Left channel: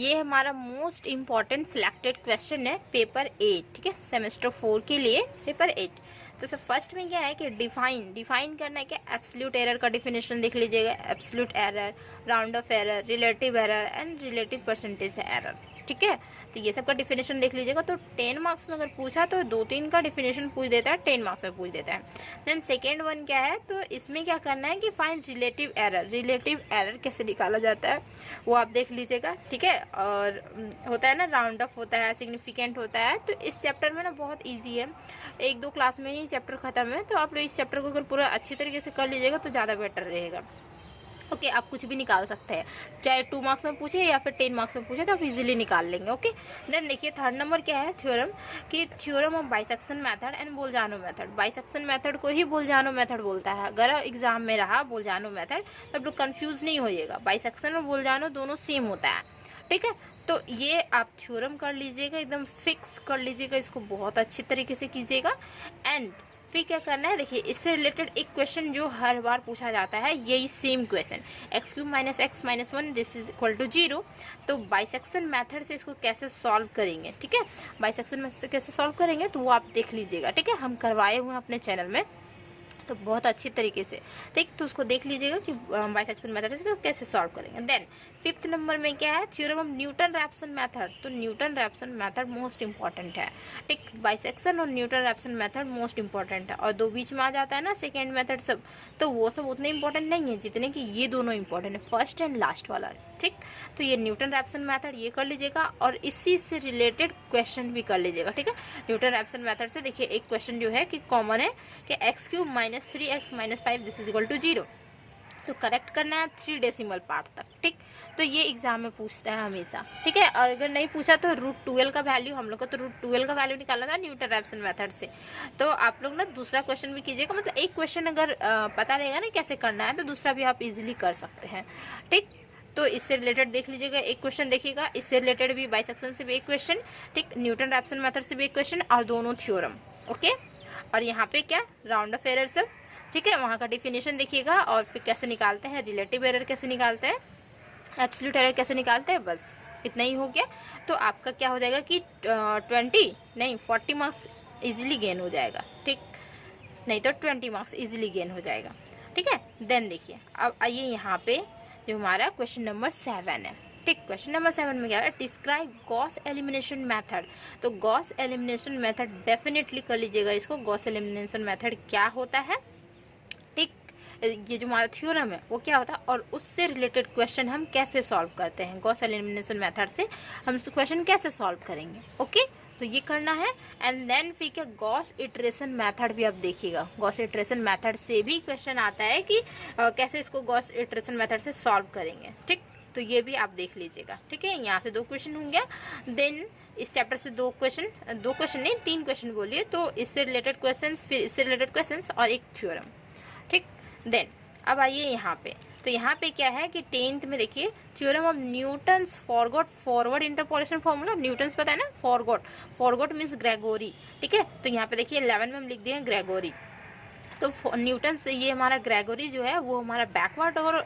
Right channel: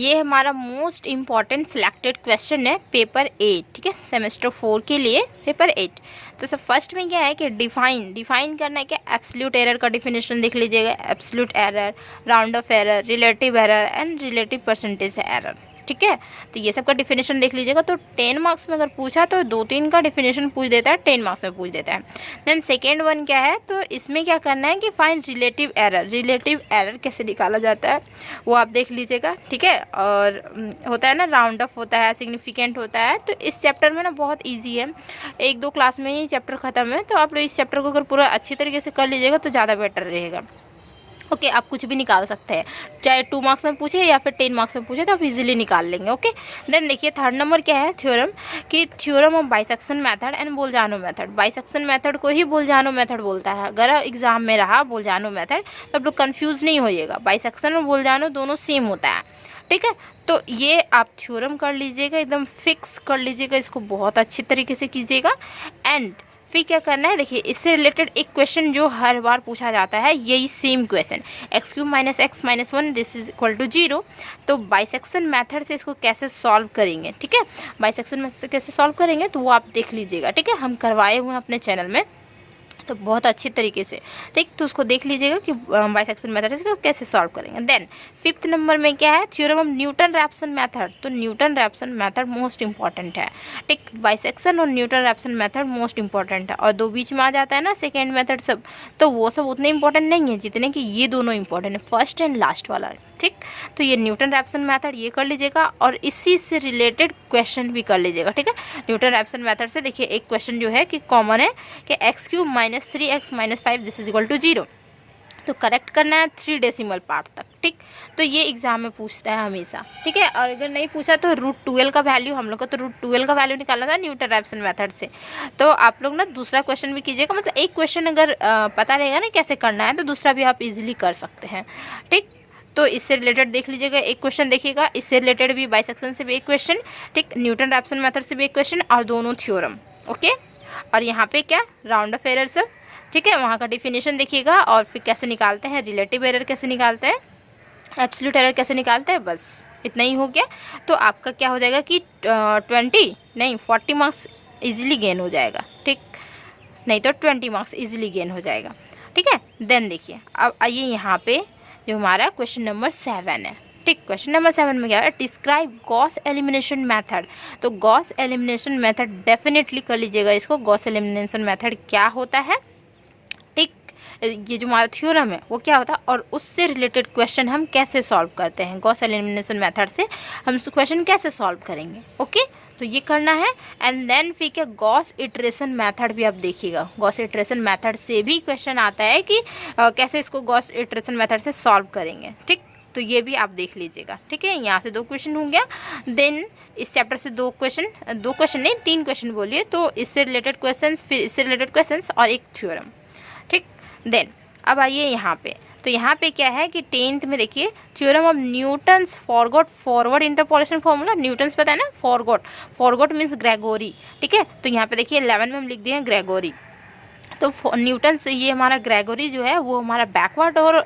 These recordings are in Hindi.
ये हमारा मोस्ट इम्पॉर्टेंट सिलेक्टेड क्वेश्चन है पेपर 8, ठीक है, सेमेस्टर 4 के लिए पेपर 8। तो सब फर्स्ट में क्या है कि डिफाइन करना है, क्या एब्सोल्यूट एरर का डिफिनेशन देख लीजिएगा। Absolute error, round of error, relative error and relative percentage error, ठीक है। तो ये सब का डिफिनेशन देख लीजिएगा। तो 10 मार्क्स में अगर पूछा तो 2-3 का डिफिनेशन पूछ देता है, 10 मार्क्स में पूछ देता है। देन सेकेंड वन क्या है, तो इसमें क्या करना है कि find relative error. Relative error कैसे निकाला जाता है वो आप देख लीजिएगा, ठीक है। और होता है ना, राउंड ऑफ होता है, सिग्निफिकेंट होता है। तो इस चैप्टर में ना बहुत ईजी है, 1-2 क्लास में ही चैप्टर ख़त्म है। तो आप लोग इस चैप्टर को अगर पूरा अच्छी तरीके से कर लीजिएगा तो ज़्यादा बेटर रहेगा। ओके आप कुछ भी निकाल सकते हैं, चाहे 2 मार्क्स में पूछे या फिर 10 मार्क्स में पूछे तो आप इजीली निकाल लेंगे। ओके देन देखिए थर्ड नंबर क्या है, थ्योरम, कि theorem of bisection method and बोलजानो method. Bisection method को ही बोलजानो मेथड बोलता है। अगर एग्जाम में रहा बोलजानो मेथड तो आप लोग कन्फ्यूज़ नहीं होइएगा, बाइसेक्शन और बोलजानो दोनों सेम होता है, ठीक है। तो ये आप थ्योरम कर लीजिएगा, एकदम फिक्स कर लीजिएगा, इसको बहुत अच्छी तरीके से कीजिएगा। एंड फिर क्या करना है, देखिए इससे रिलेटेड एक क्वेश्चन जो हर बार पूछा जाता है, यही same question, x³ - x - 1 this is equal to 0। तो बाइसेक्शन मेथड से इसको कैसे सॉल्व करेंगे, ठीक है, बाइसेक्शन मेथड से कैसे सॉल्व करेंगे तो वो आप देख लीजिएगा, ठीक है। हम करवाए हुए हैं अपने चैनल में, तो बहुत अच्छी तरीके से, ठीक। तो उसको देख लीजिएगा कि बाइसेक्शन मेथड से कैसे सॉल्व करेंगे। देन फिफ्थ नंबर में क्या है, theorem of Newton Raphson method. तो Newton Raphson method most important है, ठीक। बाइसेक्शन और Newton Raphson method most important है। और दो बीच में आ जाता है ना सेकेंड मेथड सब, तो वो सब उतने इंपॉर्टेंट नहीं है जितने कि ये दोनों इंपॉर्टेंट है, फर्स्ट एंड लास्ट वाला, ठीक। तो ये न्यूटन रैप्सन मेथड ये कर लीजिएगा और इसी से रिलेटेड क्वेश्चन भी कर लीजिएगा, ठीक है। न्यूटन रैप्सन मेथड से देखिए एक क्वेश्चन जो है कि कॉमन है कि x³ - 3x - 5 this is equal to 0। तो करेक्ट करना है 3 डेसिमल पार्ट तक, ठीक। तो ये एग्जाम में पूछता है हमेशा, ठीक है। और अगर नहीं पूछा तो √12 का वैल्यू, हम लोग को तो √12 का वैल्यू निकालना था न्यूटन रैप्सन मेथड से। तो आप लोग ना दूसरा क्वेश्चन भी कीजिएगा, मतलब एक क्वेश्चन अगर पता रहेगा ना कैसे करना है तो दूसरा भी आप इजीली कर सकते हैं, ठीक। तो इससे रिलेटेड देख लीजिएगा, एक क्वेश्चन देखिएगा, इससे रिलेटेड भी बाइसेक्शन से भी एक क्वेश्चन, ठीक, न्यूटन रैप्सन मेथड से भी एक क्वेश्चन और दोनों थ्योरम, ओके। और यहाँ पे क्या, राउंड ऑफ एरर सब, ठीक है, वहाँ का डिफिनेशन देखिएगा। और फिर कैसे निकालते हैं, रिलेटिव एरर कैसे निकालते हैं, एब्सोल्यूट एरर कैसे निकालते हैं, बस इतना ही हो गया। तो आपका क्या हो जाएगा कि 20 नहीं 40 मार्क्स इजीली गेन हो जाएगा, ठीक, नहीं तो 20 मार्क्स इजीली गेन हो जाएगा, ठीक है। देन देखिए अब आइए यहाँ पे जो हमारा क्वेश्चन नंबर 7 है, ठीक। क्वेश्चन नंबर 7 में क्या है, डिस्क्राइब गॉस एलिमिनेशन मेथड। तो गॉस एलिमिनेशन मेथड डेफिनेटली कर लीजिएगा इसको, गॉस एलिमिनेशन मेथड क्या होता है, ठीक। ये जो हमारा थ्योरम है वो क्या होता है और उससे रिलेटेड क्वेश्चन हम कैसे सॉल्व करते हैं, गॉस एलिमिनेशन मेथड से हम क्वेश्चन कैसे सॉल्व करेंगे, ओके। तो ये करना है। एंड देन फिर क्या, गॉस इटरेशन मेथड भी आप देखिएगा, गॉस इटरेशन मेथड से भी क्वेश्चन आता है कि कैसे इसको गॉस इटरेशन मेथड से सॉल्व करेंगे, ठीक। तो ये भी आप देख लीजिएगा, ठीक है। यहाँ से 2 क्वेश्चन हो गया। देन इस चैप्टर से 2 क्वेश्चन नहीं 3 क्वेश्चन बोलिए, तो इससे रिलेटेड क्वेश्चंस, फिर इससे रिलेटेड क्वेश्चंस और एक थ्योरम, ठीक। देन अब आइए यहाँ पे, तो यहाँ पे क्या है कि 10th में देखिए theorem of Newton's forward interpolation formula. Newton's पता है ना, फॉरवर्ड मीन्स ग्रेगोरी, ठीक है। तो यहाँ पे देखिए 11 में हम लिख दिए हैं ग्रेगोरी। तो न्यूटन से ये हमारा ग्रेगोरी जो है वो हमारा बैकवर्ड और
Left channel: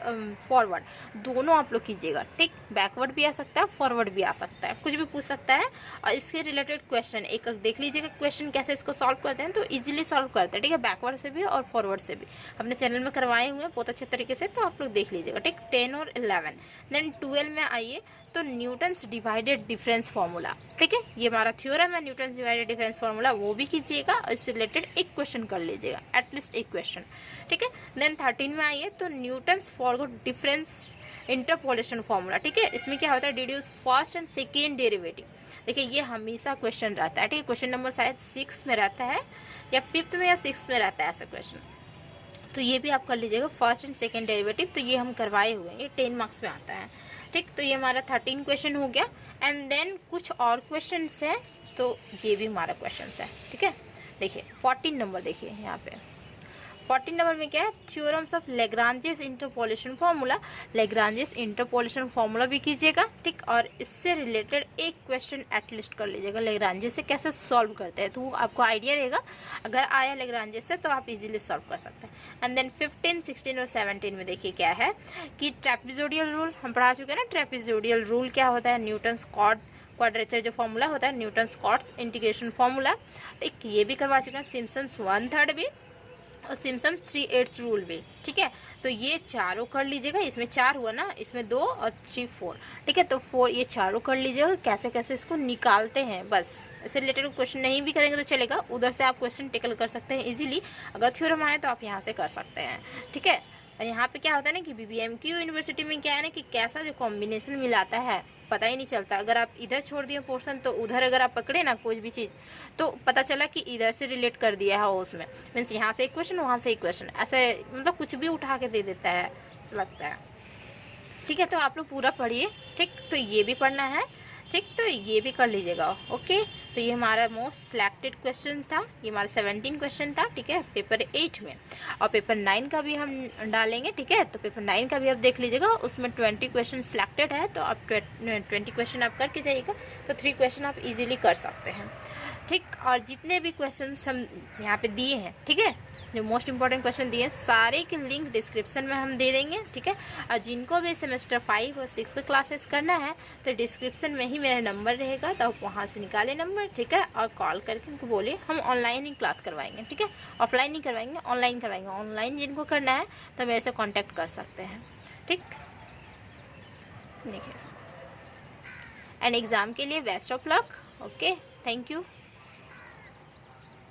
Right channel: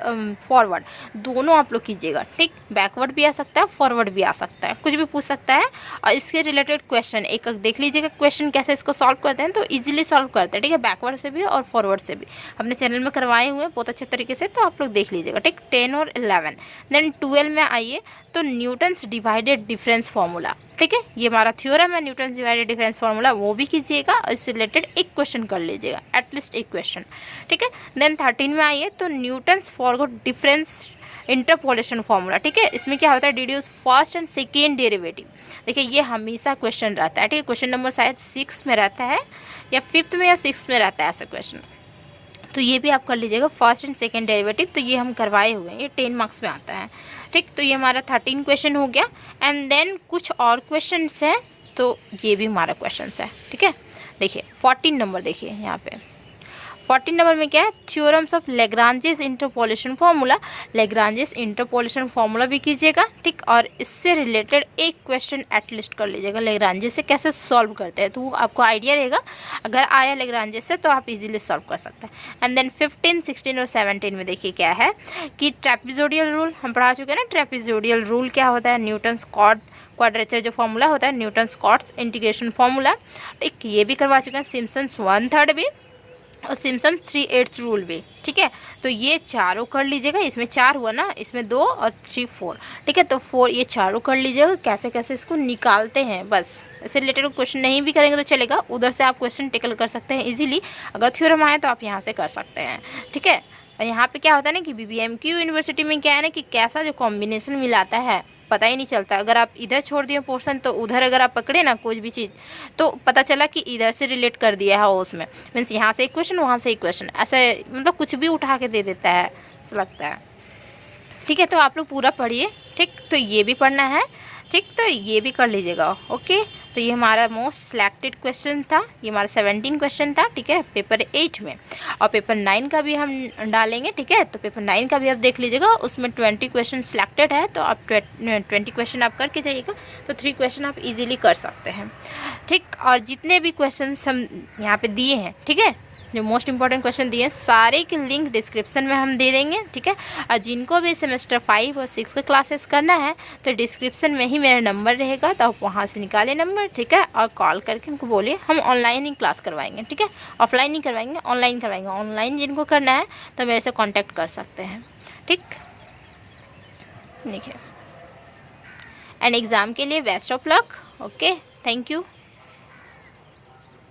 फॉरवर्ड दोनों आप लोग कीजिएगा, ठीक। बैकवर्ड भी आ सकता है, फॉरवर्ड भी आ सकता है, कुछ भी पूछ सकता है। और इसके रिलेटेड क्वेश्चन एक देख लीजिएगा, क्वेश्चन कैसे इसको सॉल्व करते हैं, तो इजीली सॉल्व करते हैं, ठीक है। बैकवर्ड से भी और फॉरवर्ड से भी अपने चैनल में करवाए हुए हैं बहुत अच्छे तरीके से, तो आप लोग देख लीजिएगा, ठीक। 10 और 11। देन 12 में आइए, तो न्यूटन्स डिवाइडेड डिफरेंस फार्मूला, ठीक है। ये हमारा थ्योरम है न्यूटन्स डिवाइडेड डिफरेंस फार्मूला, वो भी कीजिएगा और इससे रिलेटेड एक क्वेश्चन कर लीजिएगा, एटलीस्ट एक क्वेश्चन, ठीक है। देन 13 में आइए, तो Newton's forward difference interpolation formula, ठीक है। इसमें क्या होता है, deduce first and second derivative. देखिए ये हमेशा क्वेश्चन रहता है, ठीक है। क्वेश्चन नंबर शायद 6 में रहता है या 5th में या 6th में रहता है ऐसा क्वेश्चन, तो ये भी आप कर लीजिएगा, फर्स्ट एंड सेकेंड डेरिवेटिव। तो ये हम करवाए हुए हैं, ये 10 मार्क्स में आता है, ठीक। तो ये हमारा 13 क्वेश्चन हो गया। एंड देन कुछ और क्वेश्चन है, तो ये भी हमारा क्वेश्चन है, ठीक है। देखिए 14 नंबर देखिए यहाँ पे, 14 नंबर में क्या है, theorems of Lagrange's interpolation formula. Lagrange's interpolation formula भी कीजिएगा, ठीक, और इससे रिलेटेड एक क्वेश्चन एटलीस्ट कर लीजिएगा, लेग्रांजेस से कैसे सॉल्व करते हैं, तो आपको आइडिया रहेगा। अगर आया लेग्रांजेस से तो आप इजीली सॉल्व कर सकते हैं। एंड देन 15, 16 और 17 में देखिए क्या है कि ट्रेपेजोइडल रूल हम पढ़ा चुके हैं ना। ट्रेपेजोइडल रूल क्या होता है, न्यूटन्स क्वाड्रेचर जो फॉर्मूला होता है, न्यूटन्स कॉट्स इंटीग्रेशन फॉर्मूला, ठीक, ये भी करवा चुके हैं। सिम्पसन्स 1/3 भी और सिम्पसन 3/8 रूल भी, ठीक है। तो ये चारों कर लीजिएगा, इसमें 4 हुआ ना, इसमें 2 और 3 4, ठीक है। तो 4 ये चारों कर लीजिएगा, कैसे कैसे इसको निकालते हैं, बस इससे रिलेटेड क्वेश्चन नहीं भी करेंगे तो चलेगा, उधर से आप क्वेश्चन टेकल कर सकते हैं इजीली। अगर थ्योरम आए तो आप यहाँ से कर सकते हैं, ठीक है। यहाँ पे क्या होता है ना कि BBMQ यूनिवर्सिटी में क्या है ना कि कैसा जो कॉम्बिनेशन मिलाता है पता ही नहीं चलता। अगर आप इधर छोड़ दिए पोर्शन तो उधर अगर आप पकड़े ना कोई भी चीज़ तो पता चला कि इधर से रिलेट कर दिया है उसमें, मीन्स यहाँ से एक क्वेश्चन वहाँ से एक क्वेश्चन, ऐसे मतलब कुछ भी उठा के दे देता है, ऐसा लगता है, ठीक है। तो आप लोग पूरा पढ़िए, ठीक। तो ये भी पढ़ना है, ठीक, तो ये भी कर लीजिएगा, ओके। तो ये हमारा मोस्ट सिलेक्टेड क्वेश्चन था, ये हमारा 17 क्वेश्चन था, ठीक है, पेपर 8 में। और पेपर 9 का भी हम डालेंगे, ठीक है। तो पेपर 9 का भी आप देख लीजिएगा, उसमें 20 क्वेश्चन सिलेक्टेड है, तो आप 20 क्वेश्चन आप करके जाइएगा, तो 3 क्वेश्चन आप इजीली कर सकते हैं, ठीक। और जितने भी क्वेश्चन हम यहाँ पे दिए हैं, ठीक है, जो मोस्ट इंपॉर्टेंट क्वेश्चन दिए हैं सारे के लिंक डिस्क्रिप्शन में हम दे देंगे, ठीक है। और जिनको भी सेमेस्टर 5 और 6 का क्लासेस करना है तो डिस्क्रिप्शन में ही मेरा नंबर रहेगा, तो आप वहाँ से निकालें नंबर, ठीक है, और कॉल करके उनको बोलिए हम ऑनलाइन ही क्लास करवाएंगे, ठीक है। ऑफलाइन नहीं करवाएंगे, ऑनलाइन करवाएंगे। ऑनलाइन जिनको करना है तो मेरे से कॉन्टैक्ट कर सकते हैं, ठीक। देखिए, एंड एग्ज़ाम के लिए best of luck, okay, thank you.